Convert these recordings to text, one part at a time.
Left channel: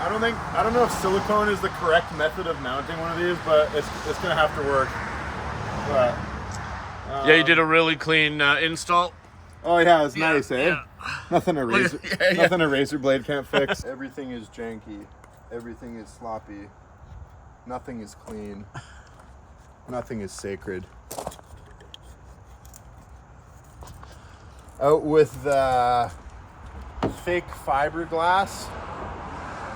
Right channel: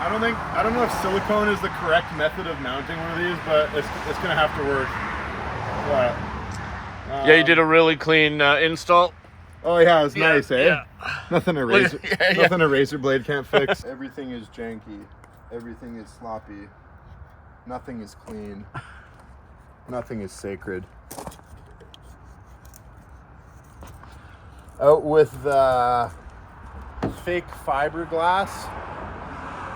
I don't know if silicone is the correct method of mounting one of these, but it's gonna have to work. But yeah, you did a really clean install. oh yeah, it's nice, eh? Yeah. Nothing a razor blade can't fix. Everything is janky. Everything is sloppy. Nothing is clean. Nothing is sacred. Out with the fake fiberglass.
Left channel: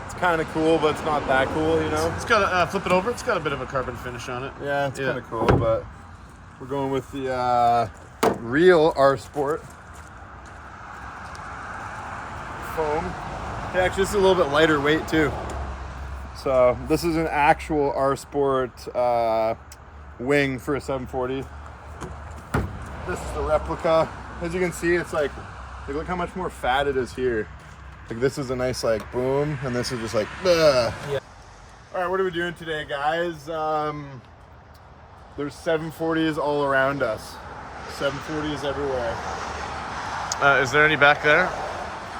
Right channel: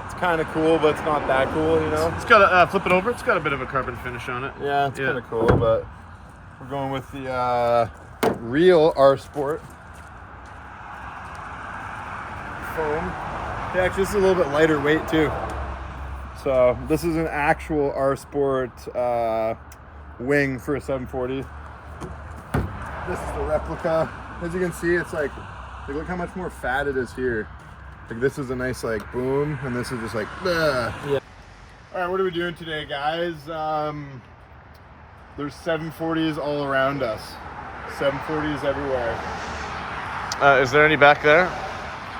It's kind of cool, but it's not that cool, you know? It's got a, flip it over, it's got a bit of a carbon finish on it. Yeah, it's kind of cool, but we're going with the real R Sport foam. Yeah, actually, this is a little bit lighter weight too. So this is an actual R Sport wing for a 740. This is the replica. As you can see, it's like look how much more fat it is here. Like this is a nice like boom, and this is just like ugh. Yeah. All right, what are we doing today, guys? There's 740s all around us. 740s everywhere. Is there any back there?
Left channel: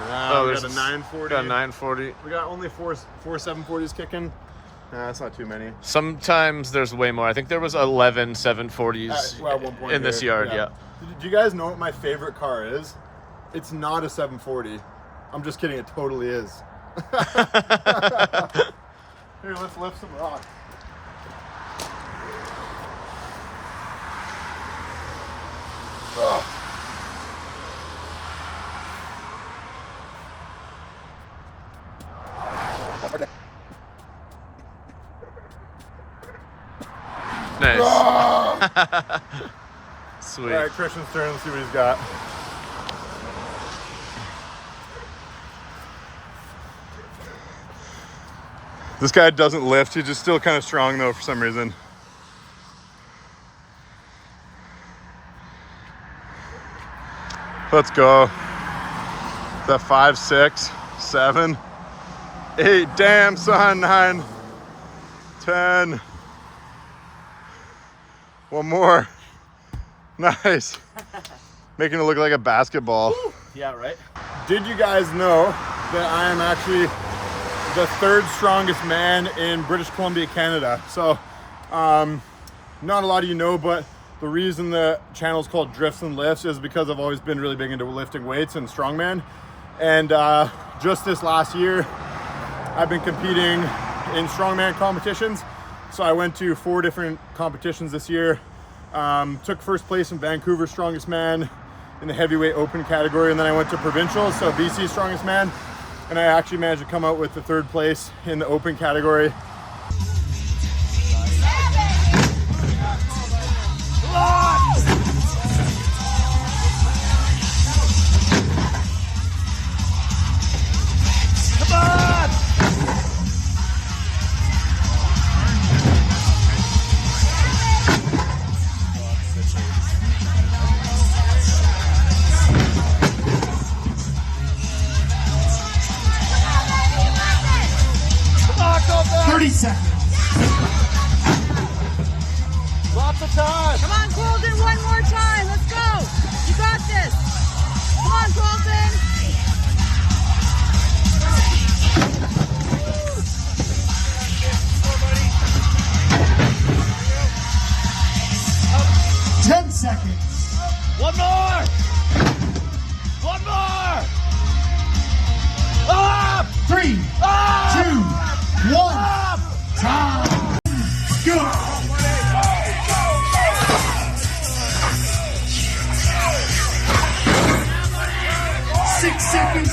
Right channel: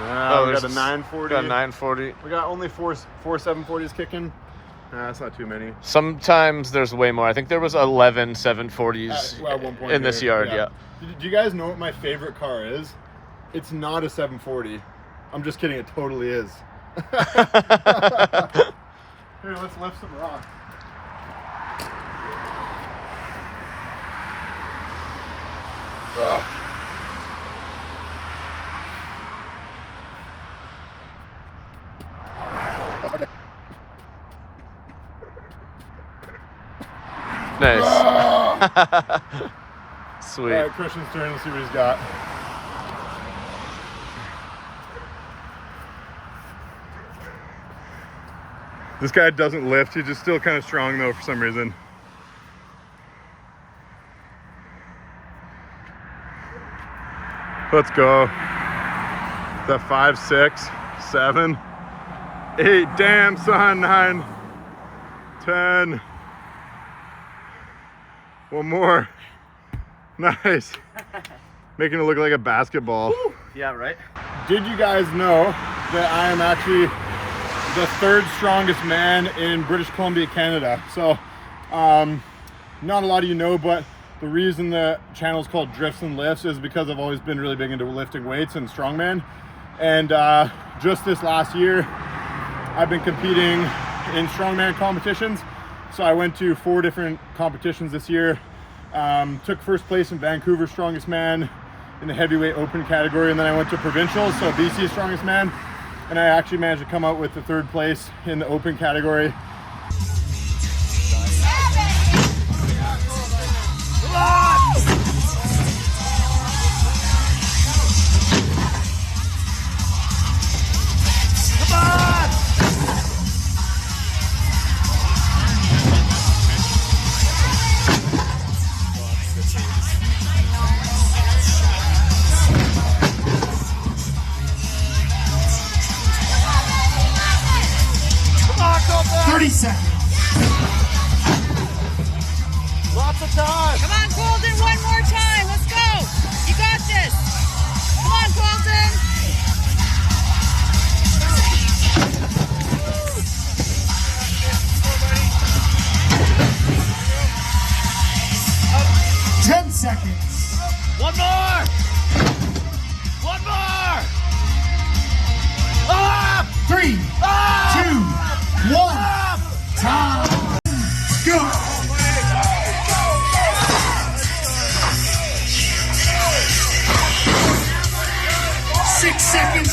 Yeah, oh, we there's got a 940. Got a 940. We got only four 740s kicking. That's not too many. Sometimes there's way more. I think there was 11 740s well, at one point in this yard. Yeah. Do you guys know what my favorite car is? It's not a 740. I'm just kidding. It totally is. Here, let's lift some rocks. Oh. Nice. Oh. Sweet. All right, Christian's turn. Let's see what he's got. This guy doesn't lift. He's just still kind of strong though for some reason. Let's go. Is that 5, 6, 7, 8? Damn, son. 9, 10. One more. Nice. Making it look like a basketball. Woo. Yeah, right. Did you guys know that I am actually the 3rd strongest man in British Columbia, Canada? So, not a lot of you know, but the reason the channel is called Drifts and Lifts is because I've always been really big into lifting weights and strongman. And just this last year, I've been competing in strongman competitions. So I went to 4 different competitions this year. Took first place in Vancouver Strongest Man in the heavyweight open category, and then I went to provincials, so BC Strongest Man, and I actually managed to come out with the 3rd place in the open category.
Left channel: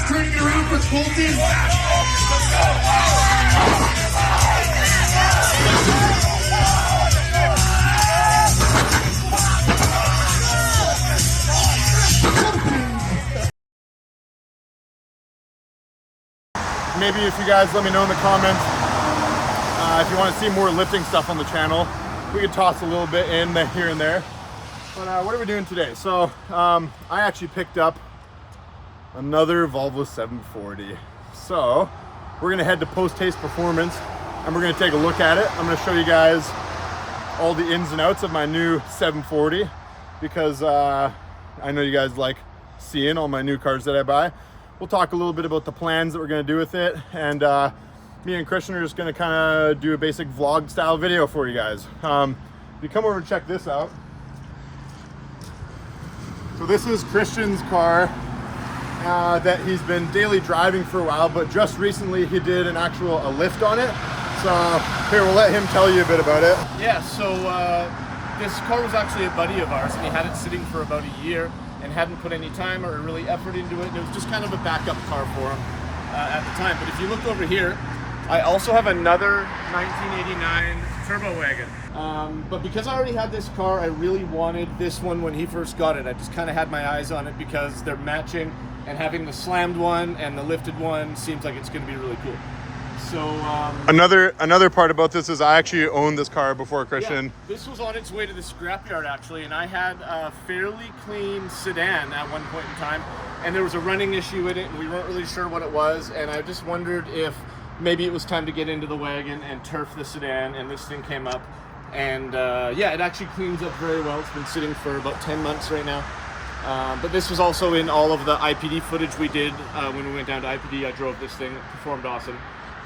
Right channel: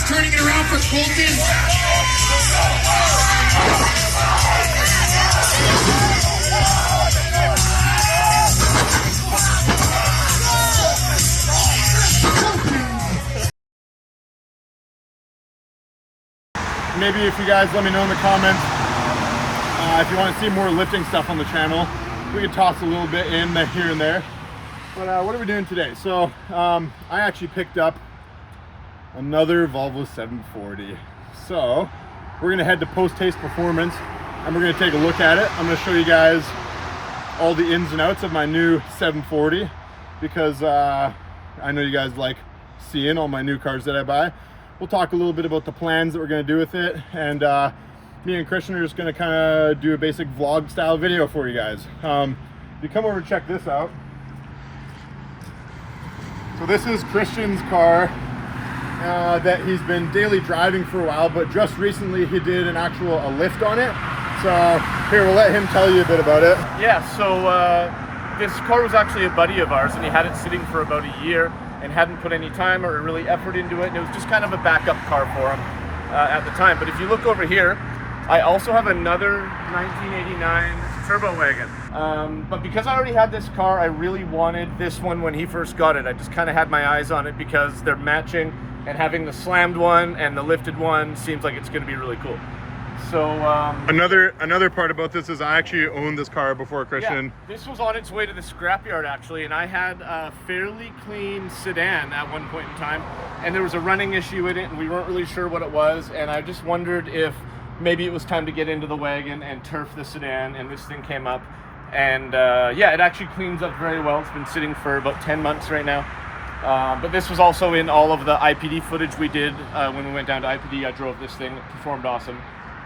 Turning it around for Colton. Maybe if you guys let me know in the comments if you want to see more lifting stuff on the channel, we could toss a little bit in here and there. But what are we doing today? So I actually picked up another Volvo 740. So we're gonna head to Post Haste Performance and we're gonna take a look at it. I'm gonna show you guys all the ins and outs of my new 740 because I know you guys like seeing all my new cars that I buy. We'll talk a little bit about the plans that we're gonna do with it, and me and Christian are just gonna kind of do a basic vlog style video for you guys. You come over and check this out. So this is Christian's car that he's been daily driving for a while, but just recently he did an actual lift on it. So here, we'll let him tell you a bit about it. Yeah, so this car was actually a buddy of ours, and he had it sitting for about a year and hadn't put any time or really effort into it, and it was just kind of a backup car for him at the time. But if you look over here, I also have another 1989 turbo wagon. But because I already had this car, I really wanted this one when he first got it. I just kind of had my eyes on it because they're matching, and having the slammed one and the lifted one seems like it's going to be really cool. So another part about this is I actually owned this car before Christian. Yeah, this was on its way to the scrapyard actually, and I had a fairly clean sedan at one point in time, and there was a running issue in it, and we weren't really sure what it was, and I just wondered if maybe it was time to get into the wagon and turf the sedan, and this thing came up, and yeah, it actually cleans up very well. It's been sitting for about 10 months right now. But this was also in all of the IPD footage we did when we went down to IPD. I drove this thing. It performed awesome.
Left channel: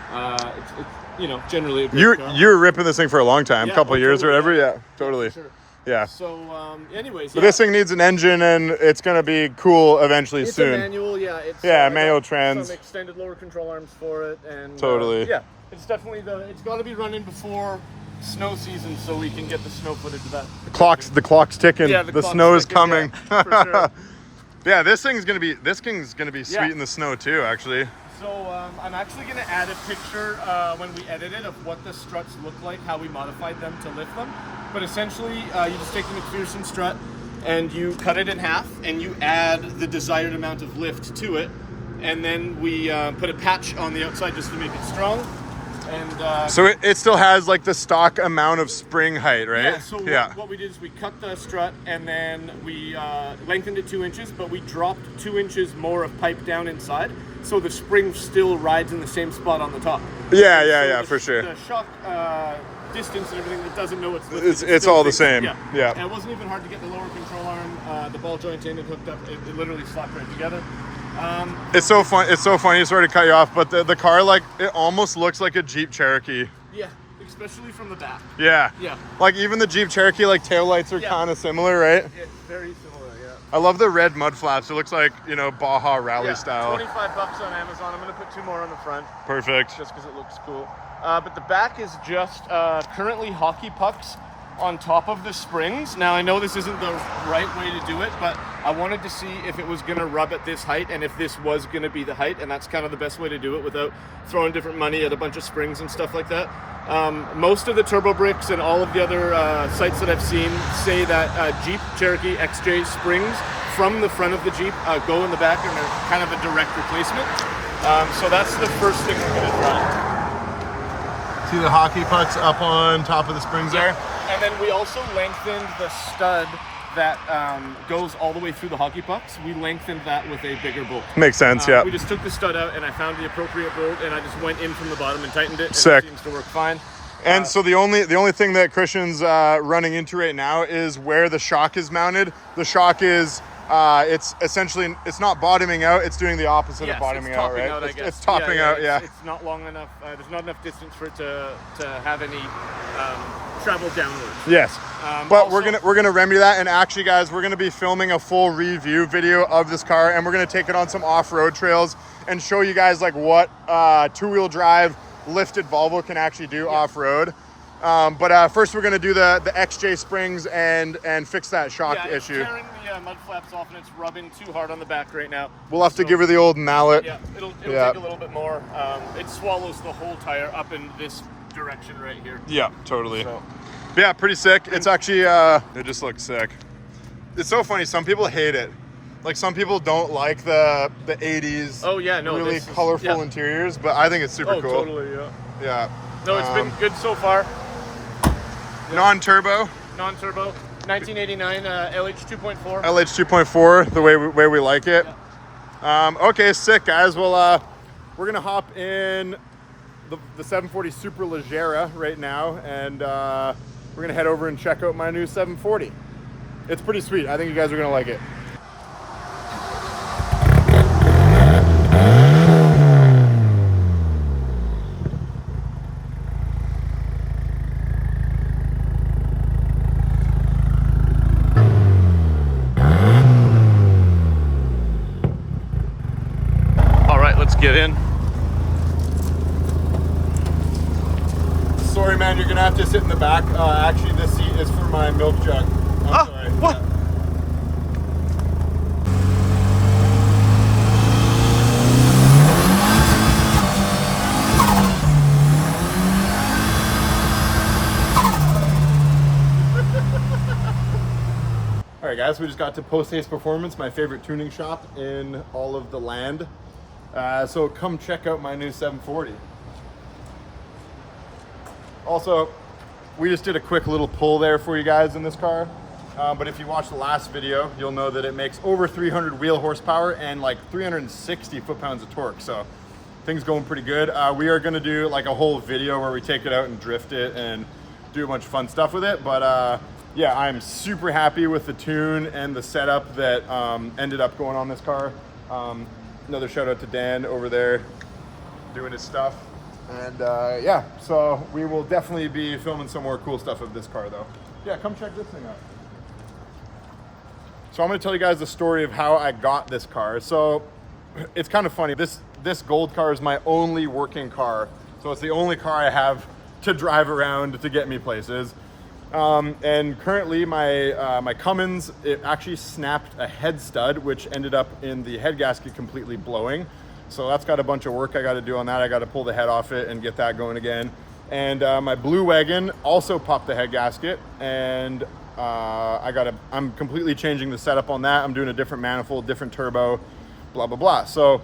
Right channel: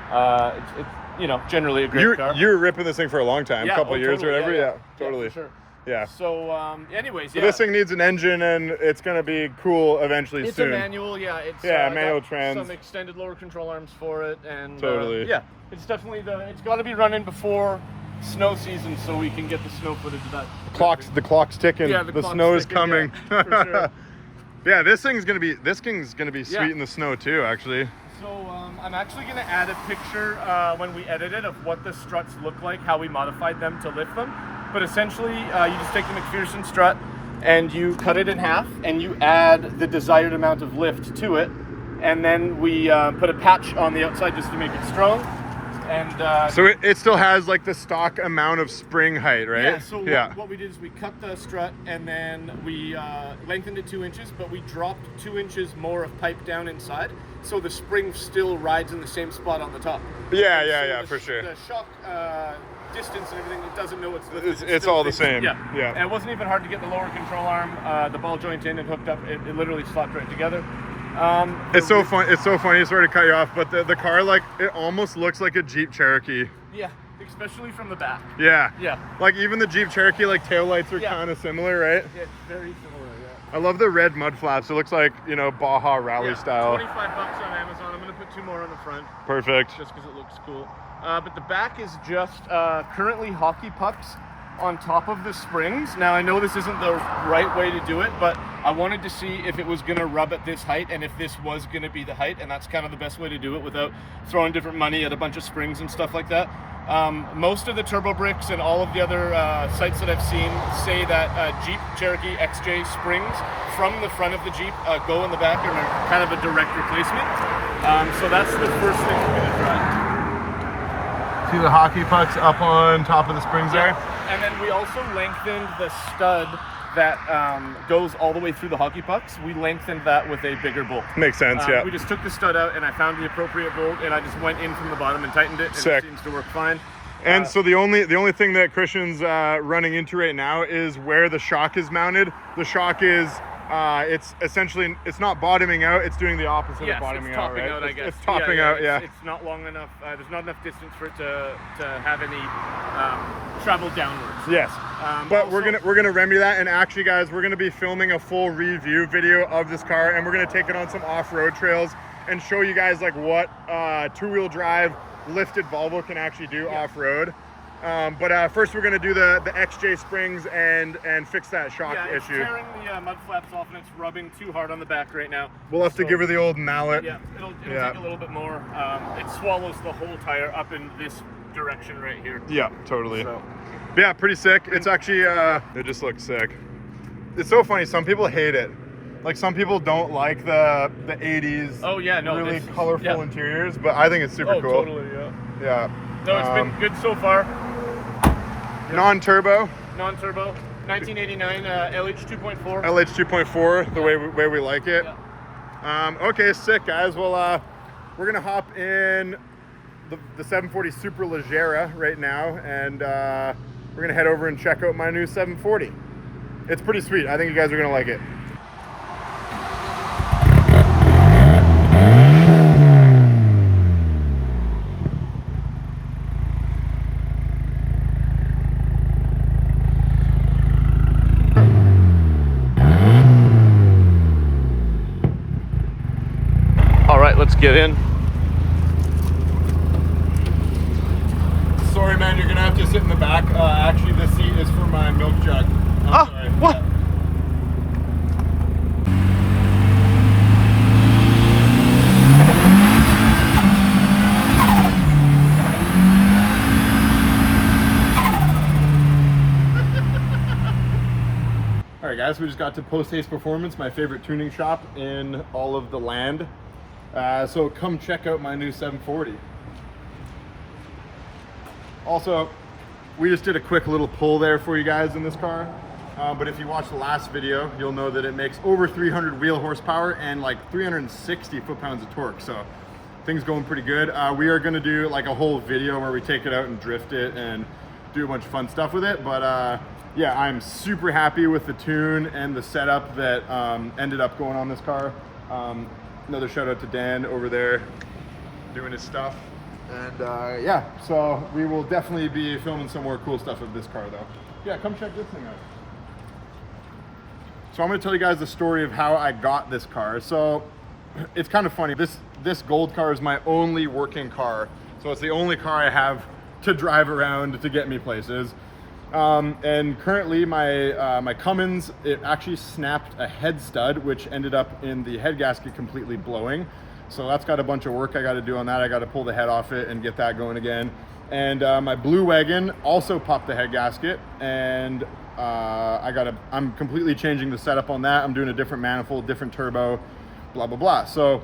It's you know, generally a great car. You were ripping this thing for a long time, Yeah, couple years totally, or whatever. yeah, Yeah, totally. Yeah, for sure. Yeah. So, anyways, So this thing needs an engine, and it's gonna be cool eventually it's soon. a manual, yeah. It's manual got trans. some extended lower control arms for it, and Totally. yeah, it's definitely it's got to be running before snow season so we can get the snow footage of that. The clock's ticking. Yeah, the clock's snow is ticking, coming. yeah, for sure. Yeah, this thing's gonna be sweet Yeah. in the snow too, actually. So I'm actually going to add a picture when we edit it of what the struts look like, how we modified them to lift them. But essentially, you just take the McPherson strut and you cut it in half, and you add the desired amount of lift to it, and then we put a patch on the outside just to make it strong. And So it still has like the stock amount of spring height, right? yeah, so what we did is we cut the strut, and then we lengthened it 2 inches, but we dropped 2 inches more of pipe down inside, so the spring still rides in the same spot on the top. Yeah, So for sure. The shock distance and everything, it doesn't know it's lifted. It's still all the fixed. same. Yeah. And it wasn't even hard to get the lower control arm, the ball joint in and hooked up. It literally slapped right together. It's so fun. It's so funny. Sorry to cut you off, but the car, like, it almost looks like a Jeep Cherokee. Yeah, especially from the back. Yeah. Yeah. Like even the Jeep Cherokee, like taillights are kind of similar, right? Yeah, very similar. Yeah. I love the red mud flaps. It looks like, you know, Baja Rally style. $25 on Amazon. I'm gonna put 2 more on the front. Perfect. Just because it looks cool. But the back is just currently hockey pucks on top of the springs. Now I know this isn't the right way to do it, but I wanted to see if it was gonna rub at this height and if this was gonna be the height, and that's kind of the best way to do it without throwing different money at a bunch of springs and stuff like that. Most of the turbo bricks and all of the other sites that I've seen say that Jeep Cherokee XJ springs from the front of the Jeep go in the back and they're kind of a direct replacement. So that's the first thing we're gonna try. See the hockey pucks up on top of the springs there? And then we also lengthened the stud that goes all the way through the hockey pucks. We lengthened that with a bigger bolt. Makes sense, yeah. We just took the stud out and I found the appropriate bolt, and I just went in from the bottom and tightened it, and Sick. it seems to work fine. And so the only thing that Christian's running into right now is where the shock is mounted. The shock is it's essentially, it's not bottoming out, it's doing the opposite of bottoming out, right? I guess. It's topping out, yeah. It's not long enough, there's not enough distance for it to have any travel downwards. Yes. But also, we're gonna remedy that, and actually guys, we're gonna be filming a full review video of this car, and we're gonna take it on some off-road trails and show you guys like what two-wheel drive lifted Volvo can actually do off-road. But first we're gonna do the XJ springs and fix that shock issue. It's tearing the mud flaps off, and it's rubbing too hard on the back right now. We'll have to give her the old mallet. Yeah, it'll take a little bit more. It swallows the whole tire up in this direction right here. Yeah, totally. So. Yeah, pretty sick. It's actually, it just looks sick. It's so funny, some people hate it. Like some people don't like the 80s really colorful interiors, but I think it's super cool. Totally, Yeah. No, it's been good so far. Non-turbo. Non-turbo, 1989 LH 2.4. LH 2.4, the way we like it. Yeah. Okay, sick guys. Well, we're gonna hop in the 740 Super Leggera right now, and we're gonna head over and check out my new 740. It's pretty sweet. I think you guys are gonna like it. get in. Sorry, man, you're gonna have to sit in the back. Actually, this seat is for my milk jug. I'm sorry. What? Yeah. All right, guys, we just got to Post Haste Performance, my favorite tuning shop in all of the land. So come check out my new 740. Also, we just did a quick little pull there for you guys in this car. But if you watched the last video, you'll know that it makes over 300 wheel horsepower and like 360 foot-pounds of torque. So things going pretty good. We are gonna do like a whole video where we take it out and drift it and do a bunch of fun stuff with it. But yeah, I'm super happy with the tune and the setup that ended up going on this car. Another shout out to Dan over there doing his stuff. And yeah, so we will definitely be filming some more cool stuff of this car though. Yeah, come check this thing out. So I'm gonna tell you guys the story of how I got this car. So it's kind of funny. This gold car is my only working car. So it's the only car I have to drive around to get me places. And currently my Cummins, it actually snapped a head stud, which ended up in the head gasket completely blowing. So that's got a bunch of work I got to do on that. I got to pull the head off it and get that going again. And my blue wagon also popped the head gasket, and I'm completely changing the setup on that. I'm doing a different manifold, different turbo, blah blah blah. So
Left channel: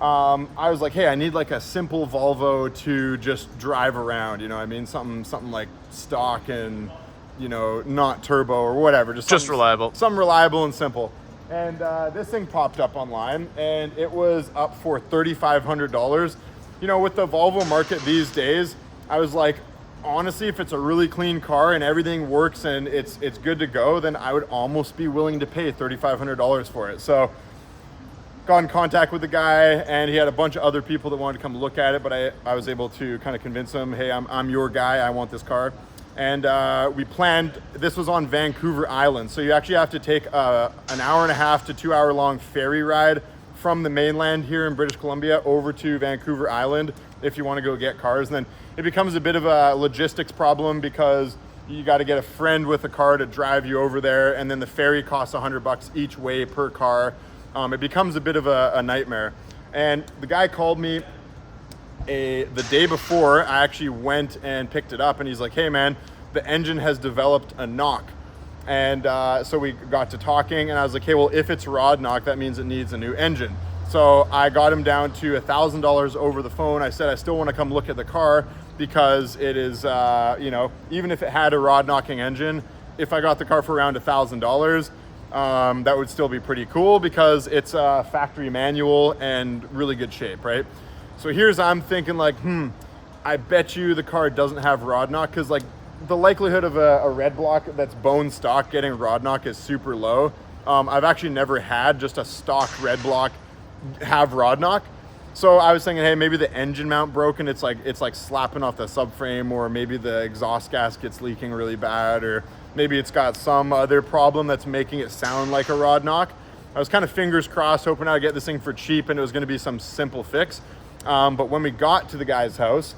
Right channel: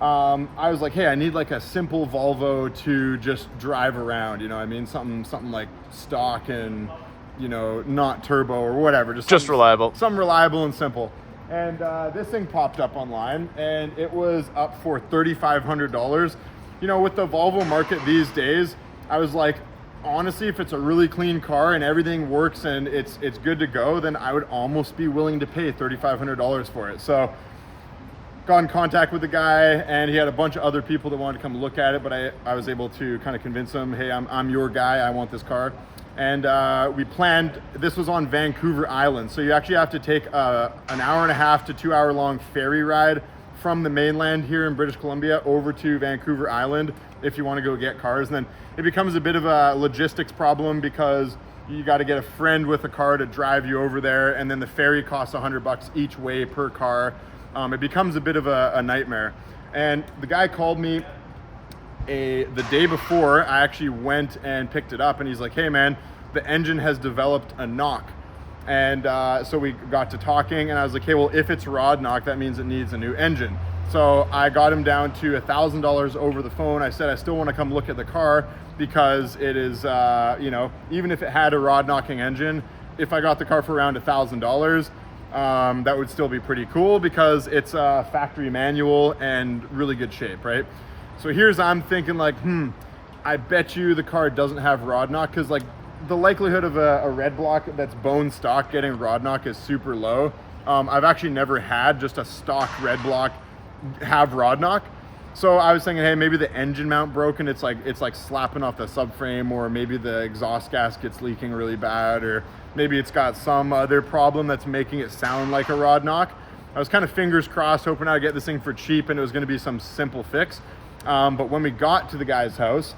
I was like, hey, I need like a simple Volvo to just drive around, you know what I mean? Something like stock and, you know, not turbo or whatever. Just reliable. Something reliable and simple. And this thing popped up online, and it was up for $3,500. You know, with the Volvo market these days, I was like, honestly, if it's a really clean car and everything works and it's good to go, then I would almost be willing to pay $3,500 for it. So got in contact with the guy, and he had a bunch of other people that wanted to come look at it, but I was able to kind of convince him, hey, I'm your guy, I want this car. And we planned, this was on Vancouver Island. So you actually have to take an hour and a half to 2 hour long ferry ride from the mainland here in British Columbia over to Vancouver Island if you want to go get cars. And then it becomes a bit of a logistics problem because you got to get a friend with a car to drive you over there. And then the ferry costs $100 each way per car. It becomes a bit of a nightmare. And the guy called me the day before. I actually went and picked it up, and he's like, hey man, the engine has developed a knock. And so we got to talking, and I was like, hey, well, if it's rod knock, that means it needs a new engine. So I got him down to $1,000 over the phone. I said I still want to come look at the car because it is, you know, even if it had a rod knocking engine, if I got the car for around $1,000, that would still be pretty cool because it's a factory manual and really good shape, right? So I'm thinking like, I bet you the car doesn't have rod knock, because like the likelihood of a red block that's bone stock getting rod knock is super low. I've actually never had just a stock red block have rod knock. So I was thinking, hey, maybe the engine mount broken. It's like slapping off the subframe, or maybe the exhaust gasket's leaking really bad, or maybe it's got some other problem that's making it sound like a rod knock. I was kind of fingers crossed, hoping I'd get this thing for cheap and it was going to be some simple fix. But when we got to the guy's house,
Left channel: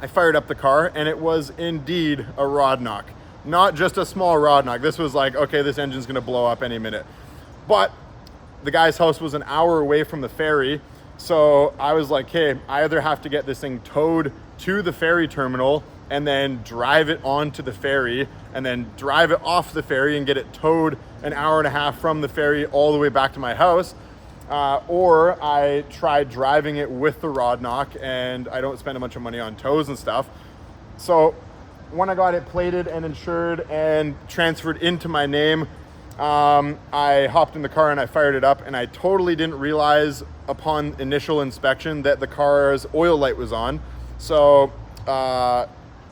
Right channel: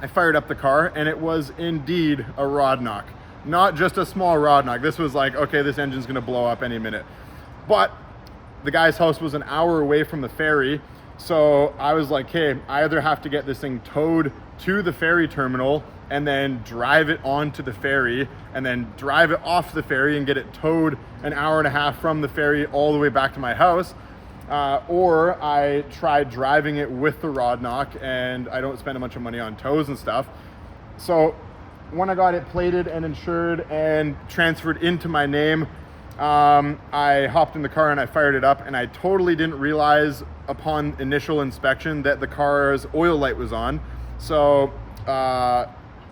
I fired up the car, and it was indeed a rod knock. Not just a small rod knock. This was like, okay, this engine's gonna blow up any minute. But the guy's house was an hour away from the ferry. So I was like, hey, I either have to get this thing towed to the ferry terminal and then drive it onto the ferry and then drive it off the ferry and get it towed an hour and a half from the ferry all the way back to my house. Or I tried driving it with the rod knock, and I don't spend a bunch of money on tows and stuff. So when I got it plated and insured and transferred into my name, I hopped in the car and I fired it up, and I totally didn't realize upon initial inspection that the car's oil light was on. So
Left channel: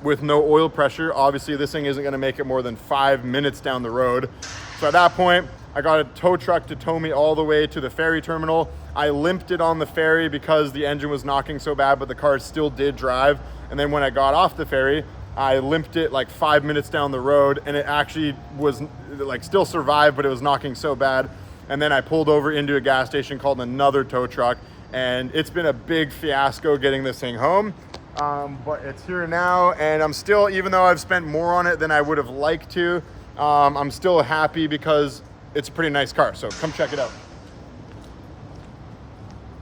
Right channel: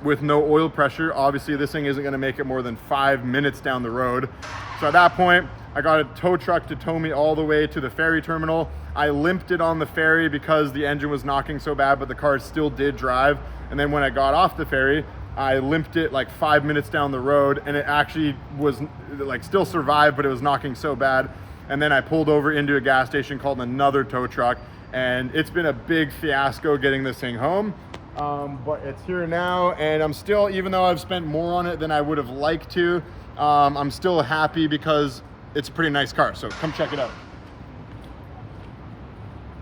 with no oil pressure, obviously this thing isn't going to make it more than 5 minutes down the road. So at that point, I got a tow truck to tow me all the way to the ferry terminal. I limped it on the ferry because the engine was knocking so bad, but the car still did drive. And then when I got off the ferry, I limped it like 5 minutes down the road, and it actually was like still survived, but it was knocking so bad. And then I pulled over into a gas station, called another tow truck, and it's been a big fiasco getting this thing home. But it's here now, and I'm still, even though I've spent more on it than I would have liked to, I'm still happy because it's a pretty nice car. So come check it out.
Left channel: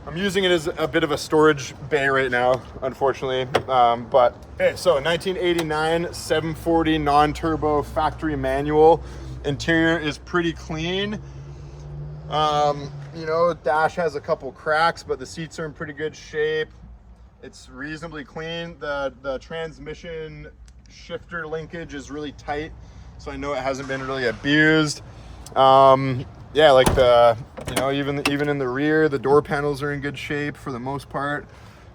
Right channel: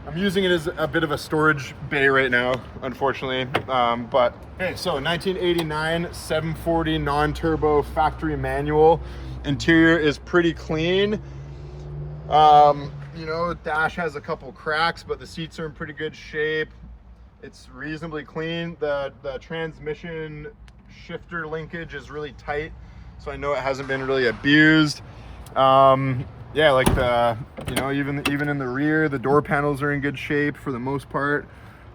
I'm using it as a bit of a storage bay right now, unfortunately. But okay, so 1989 740 non-turbo factory manual. Interior is pretty clean. You know, dash has a couple cracks, but the seats are in pretty good shape. It's reasonably clean. The transmission shifter linkage is really tight, so I know it hasn't been really abused. Yeah, like you know, even in the rear, the door panels are in good shape for the most part.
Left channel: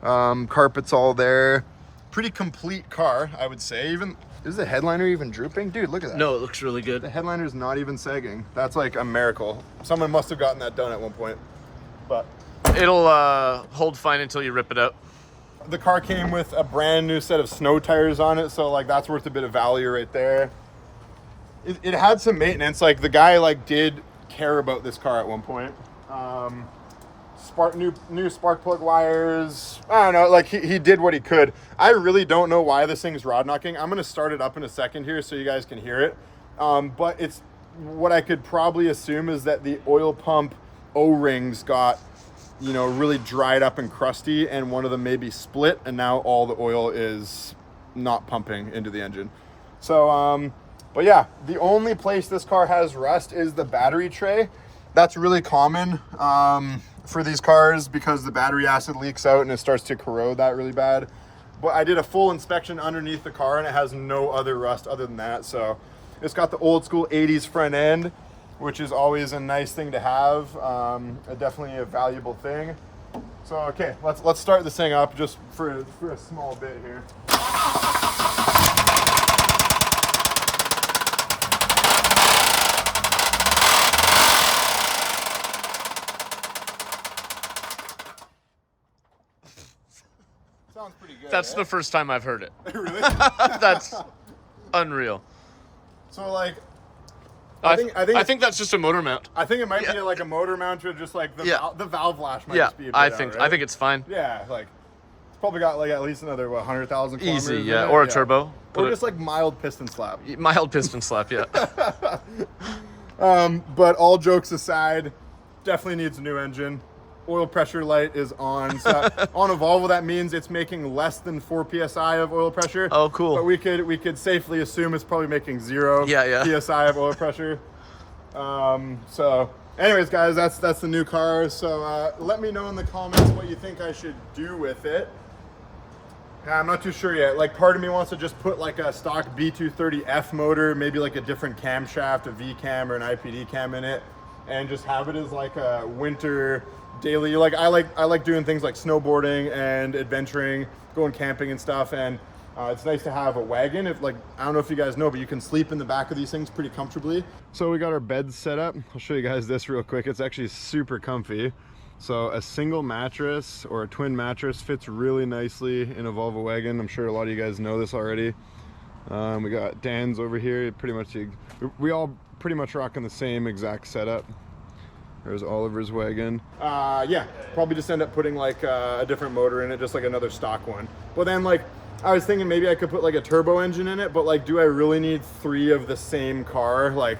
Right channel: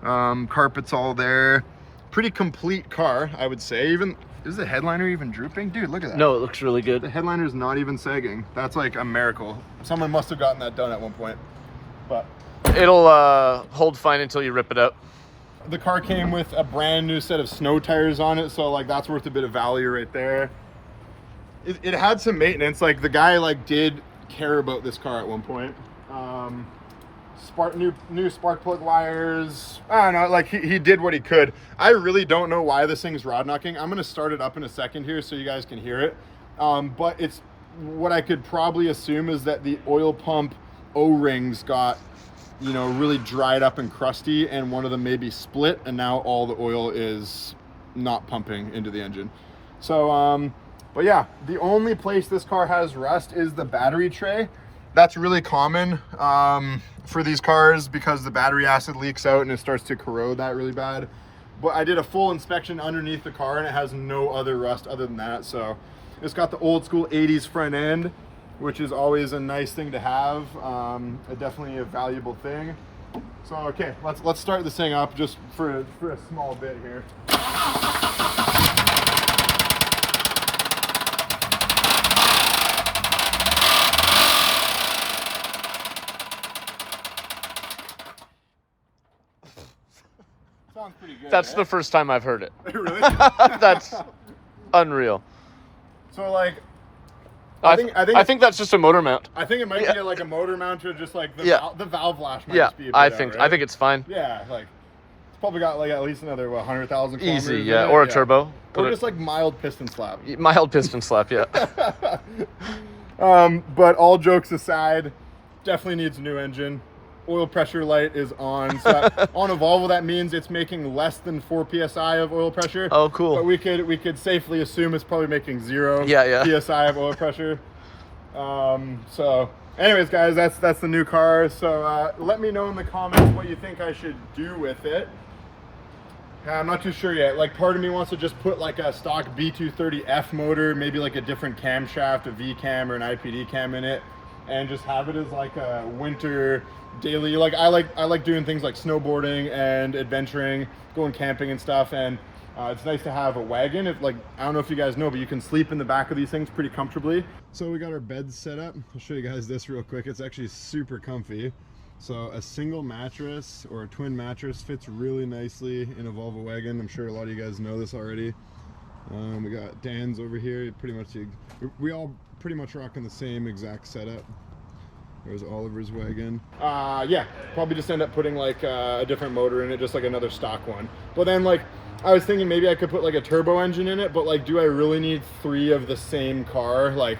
Carpet's all there. Pretty complete car, I would say. Even, is the headliner even drooping? Dude, look at that. No, it looks really good. The headliner's not even sagging. That's like a miracle. Someone must have gotten that done at one point. But It'll hold fine until you rip it out. the car came with a brand new set of snow tires on it, so like that's worth a bit of value right there. It had some maintenance. Like the guy like did care about this car at one point. New spark plug wires. I don't know, like he did what he could. I really don't know why this thing's rod knocking. I'm gonna start it up in a second here so you guys can hear it. But it's, what I could probably assume is that the oil pump O-rings got, you know, really dried up and crusty, and one of them maybe split, and now all the oil is not pumping into the engine. So but yeah, the only place this car has rust is the battery tray. That's really common for these cars because the battery acid leaks out and it starts to corrode that really bad. But I did a full inspection underneath the car and it has no other rust other than that. So it's got the old school 80s front end, which is always a nice thing to have. Definitely a valuable thing. So okay, let's start this thing up just for a small bit here. Sounds pretty good. That's the first time I've heard it. Really? That's unreal. So like, I think that's just a motor mount. I think it might be like a motor mount or just like the valve lash might just be a bit I think it's fine. Yeah, like it's probably got like at least another 100,000 kilometers. Easy, yeah, or a turbo. Or just like mild piston slap. Mild piston slap, yeah. But all jokes aside, definitely needs a new engine. Oil pressure light is on. So on a Volvo, that means it's making less than 4 psi of oil pressure. Oh, cool. But we could safely assume it's probably making 0 psi of oil pressure. So anyways, guys, that's the new car. So let me know in the comments what you think I should do with it. I'm not too sure yet. Like, part of me wants to just put like a stock B230F motor, maybe like a different camshaft, a V cam or an IPD cam in it, and just have it as like a winter daily. Like I like doing things like snowboarding and adventuring, going camping and stuff, and it's nice to have a wagon. If like, I don't know if you guys know, but you can sleep in the back of these things pretty comfortably. So we got our beds set up. I'll show you guys this real quick. It's actually super comfy. So a single mattress or a twin mattress fits really nicely in a Volvo wagon. I'm sure a lot of you guys know this already. We got Dan's over here. We all pretty much rocking the same exact setup. There's Oliver's wagon. Yeah, probably just end up putting like a different motor in it, just like another stock one. But then like, I was thinking maybe I could put like a turbo engine in it, but like, do I really need 3 of the same car? Like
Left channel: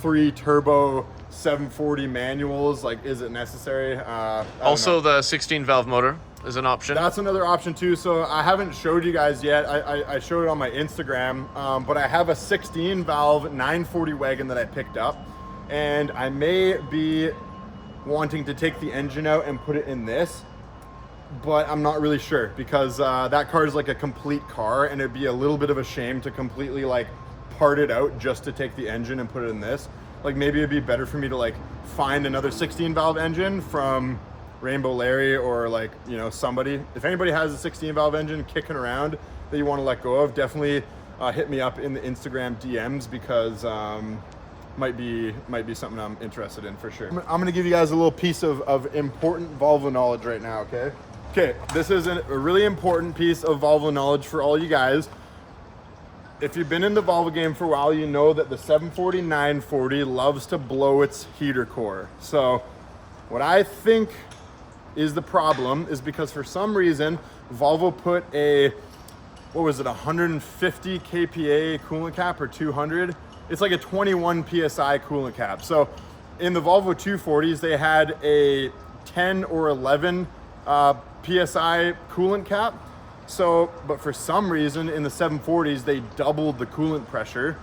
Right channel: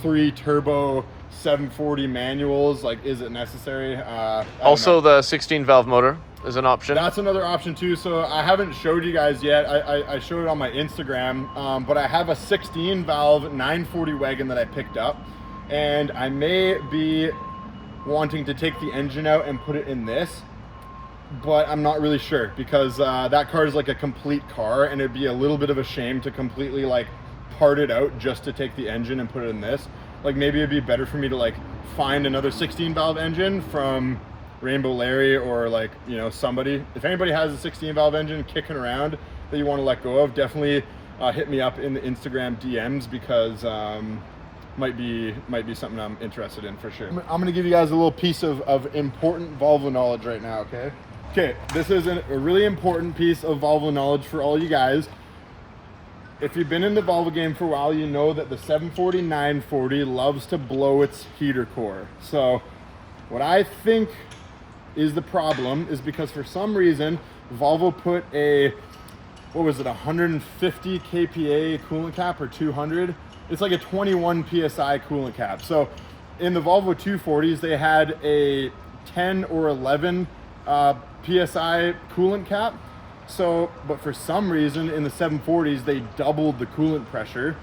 3 turbo 740 manuals? Like, is it necessary? Also, the 16 valve motor is an option. That's another option too. So I haven't showed you guys yet. I showed it on my Instagram, but I have a 16 valve 940 wagon that I picked up. And I may be wanting to take the engine out and put it in this, but I'm not really sure because that car is like a complete car, and it'd be a little bit of a shame to completely like part it out just to take the engine and put it in this. Like, maybe it'd be better for me to like find another 16 valve engine from Rainbow Larry or like, you know, somebody. If anybody has a 16 valve engine kicking around that you want to let go of, definitely hit me up in the Instagram DMs because might be something I'm interested in for sure. I'm gonna give you guys a little piece of important Volvo knowledge right now, okay? Okay, this is a really important piece of Volvo knowledge for all you guys. If you've been in the Volvo game for a while, you know that the 740-940 loves to blow its heater core. So what I think is the problem is because for some reason, Volvo put a, what was it, 150 kPa coolant cap or 200? It's like a 21 PSI coolant cap. So in the Volvo 240s, they had a 10 or 11 PSI coolant cap. So, but for some reason in the 740s, they doubled the coolant pressure.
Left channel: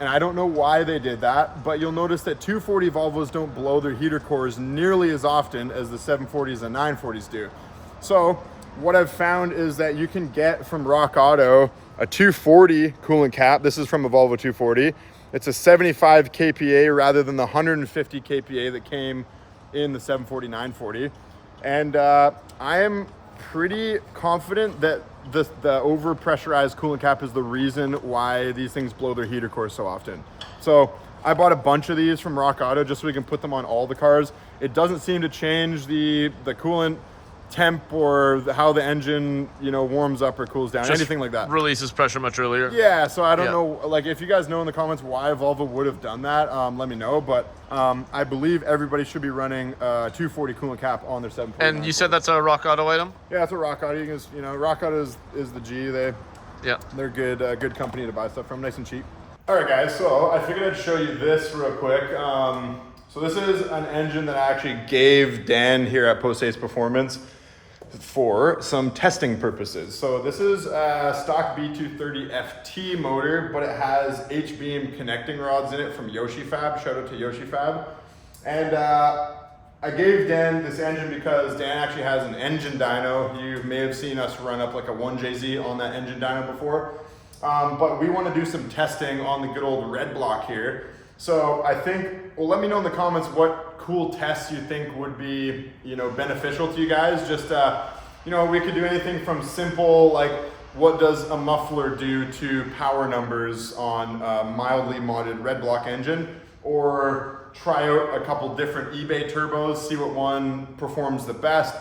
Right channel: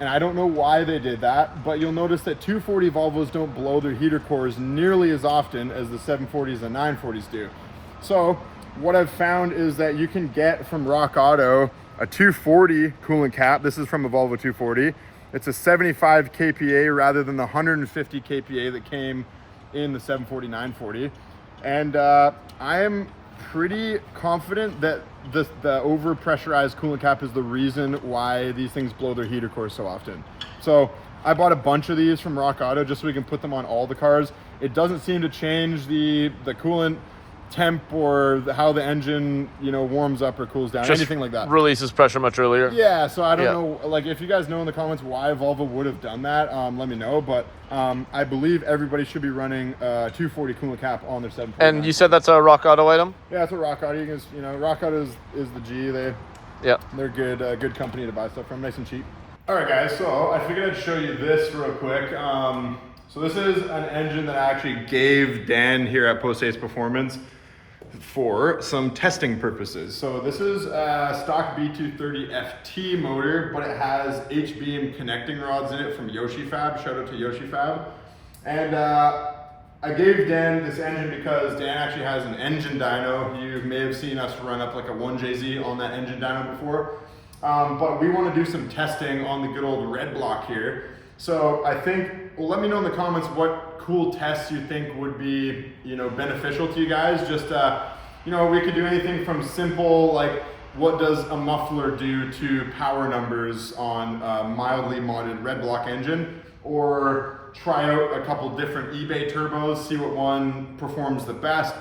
And I don't know why they did that, but you'll notice that 240 Volvos don't blow their heater cores nearly as often as the 740s and 940s do. So what I've found is that you can get from Rock Auto a 240 coolant cap. This is from a Volvo 240. It's a 75 kPa rather than the 150 kPa that came in the 740, 940. And I am pretty confident that the over-pressurized coolant cap is the reason why these things blow their heater cores so often. So I bought a bunch of these from Rock Auto just so we can put them on all the cars. It doesn't seem to change the coolant temp or how the engine, you know, warms up or cools down, Just anything like that. Releases pressure much earlier. Yeah, so I don't know, like if you guys know in the comments why Volvo would have done that, let me know. But I believe everybody should be running 240 coolant cap on their 740. And you said that's a Rock Auto item? Yeah, it's a Rock Auto. You know, Rock Auto is the G. They're good, good company to buy stuff from, nice and cheap. All right, guys. So I figured I'd show you this real quick. So this is an engine that I actually gave Dan here at Post Ace Performance for some testing purposes. So this is a stock B230 FT motor, but it has H-beam connecting rods in it from Yoshi Fab. Shout out to Yoshi Fab. And I gave Dan this engine because Dan actually has an engine dyno. You may have seen us run up like a 1JZ on that engine dyno before. But we want to do some testing on the good old red block here. So I think, well, let me know in the comments what cool tests you think would be, you know, beneficial to you guys. Just, you know, we could do anything from simple, like what does a muffler do to power numbers on a mildly modded red block engine, or try out a couple different eBay turbos, see what one performs the best.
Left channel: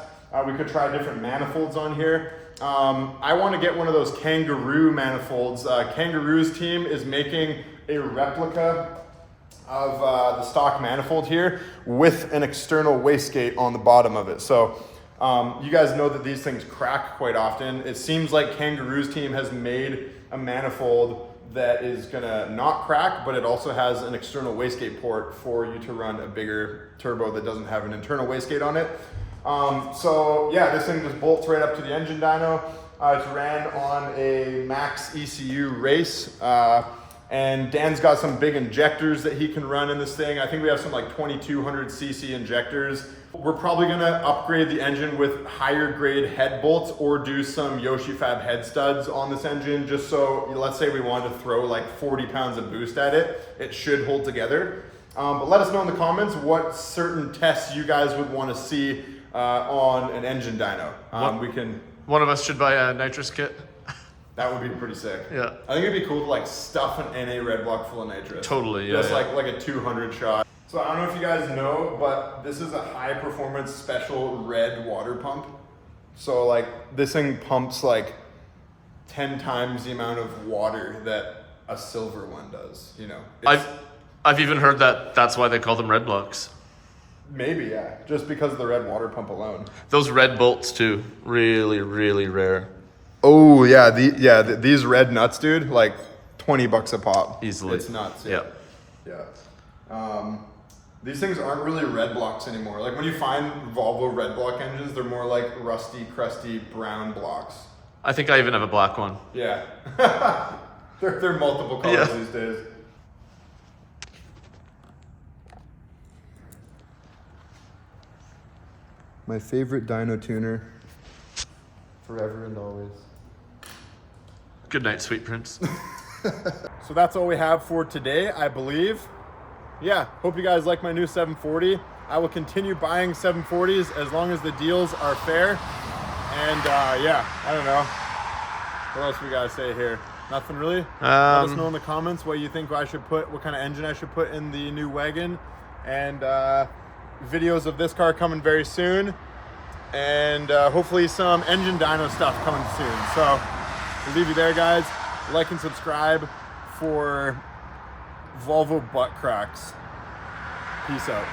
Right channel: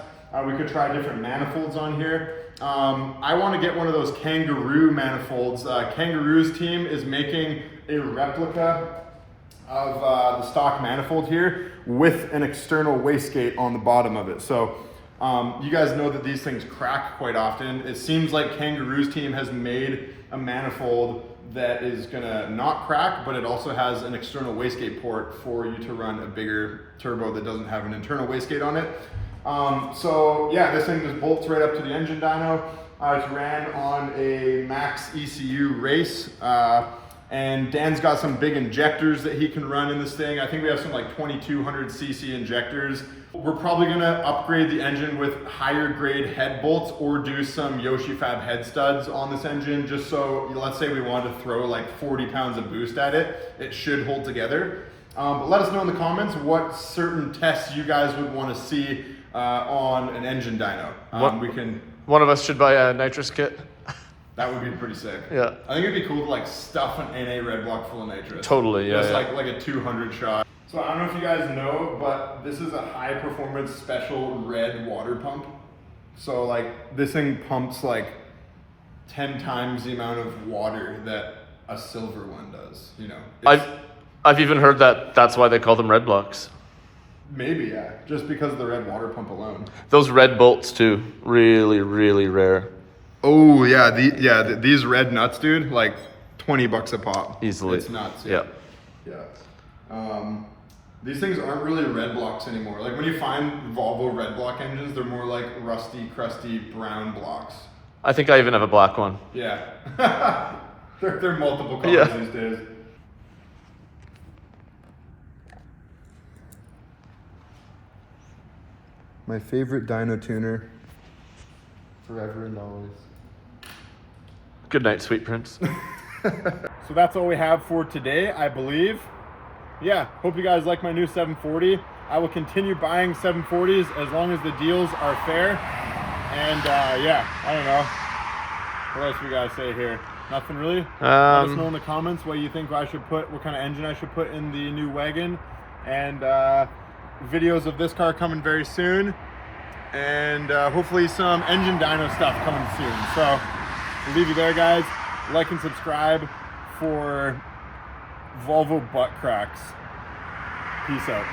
We could try different manifolds on here. I want to get one of those Kangaroo manifolds. Kangaroo's team is making a replica of the stock manifold here with an external wastegate on the bottom of it. So you guys know that these things crack quite often. It seems like Kangaroo's team has made a manifold that is gonna not crack, but it also has an external wastegate port for you to run a bigger turbo that doesn't have an internal wastegate on it. So yeah, this thing just bolts right up to the engine dyno. It's ran on a max ECU race. And Dan's got some big injectors that he can run in this thing. I think we have some like 2200 cc injectors. We're probably gonna upgrade the engine with higher grade head bolts or do some Yoshi Fab head studs on this engine, just so, let's say we wanted to throw like 40 pounds of boost at it, it should hold together. But let us know in the comments what certain tests you guys would wanna see on an engine dyno. One of us should buy a nitrous kit. That would be pretty sick. Yeah. I think it'd be cool to like stuff an NA red block full of nitrous. Totally, yeah. Just like a 200 shot. So I don't know if you guys know, but this is a high performance special red water pump. So like this thing pumps like 10 times the amount of water that a silver one does, you know. I've even heard that that's why they call them red blocks. Maybe, yeah. Just because of the red water pump alone. Those red bolts too, really, really rare. Oh yeah, these red nuts, dude, like $20 a pop. Easily. It's nuts. Yeah. These things aren't really red blocks anymore. Like when you find Volvo red block engines, they're more like rusty, crusty brown blocks. I think I even have a black one. Yeah. they're multiple colors these days. My favorite dyno tuner, forever and always. Good night, sweet prince. So that's all we have for today, I believe. Yeah, hope you guys like my new 740. I will continue buying 740s as long as the deals are fair. And yeah, I don't know. What else we gotta say here? Nothing really? Let us know in the comments what you think I should put, what kind of engine I should put in the new wagon. And videos of this car coming very soon. And hopefully some engine dyno stuff coming soon. So we'll leave you there, guys. Like and subscribe for Volvo butt cracks. Peace out.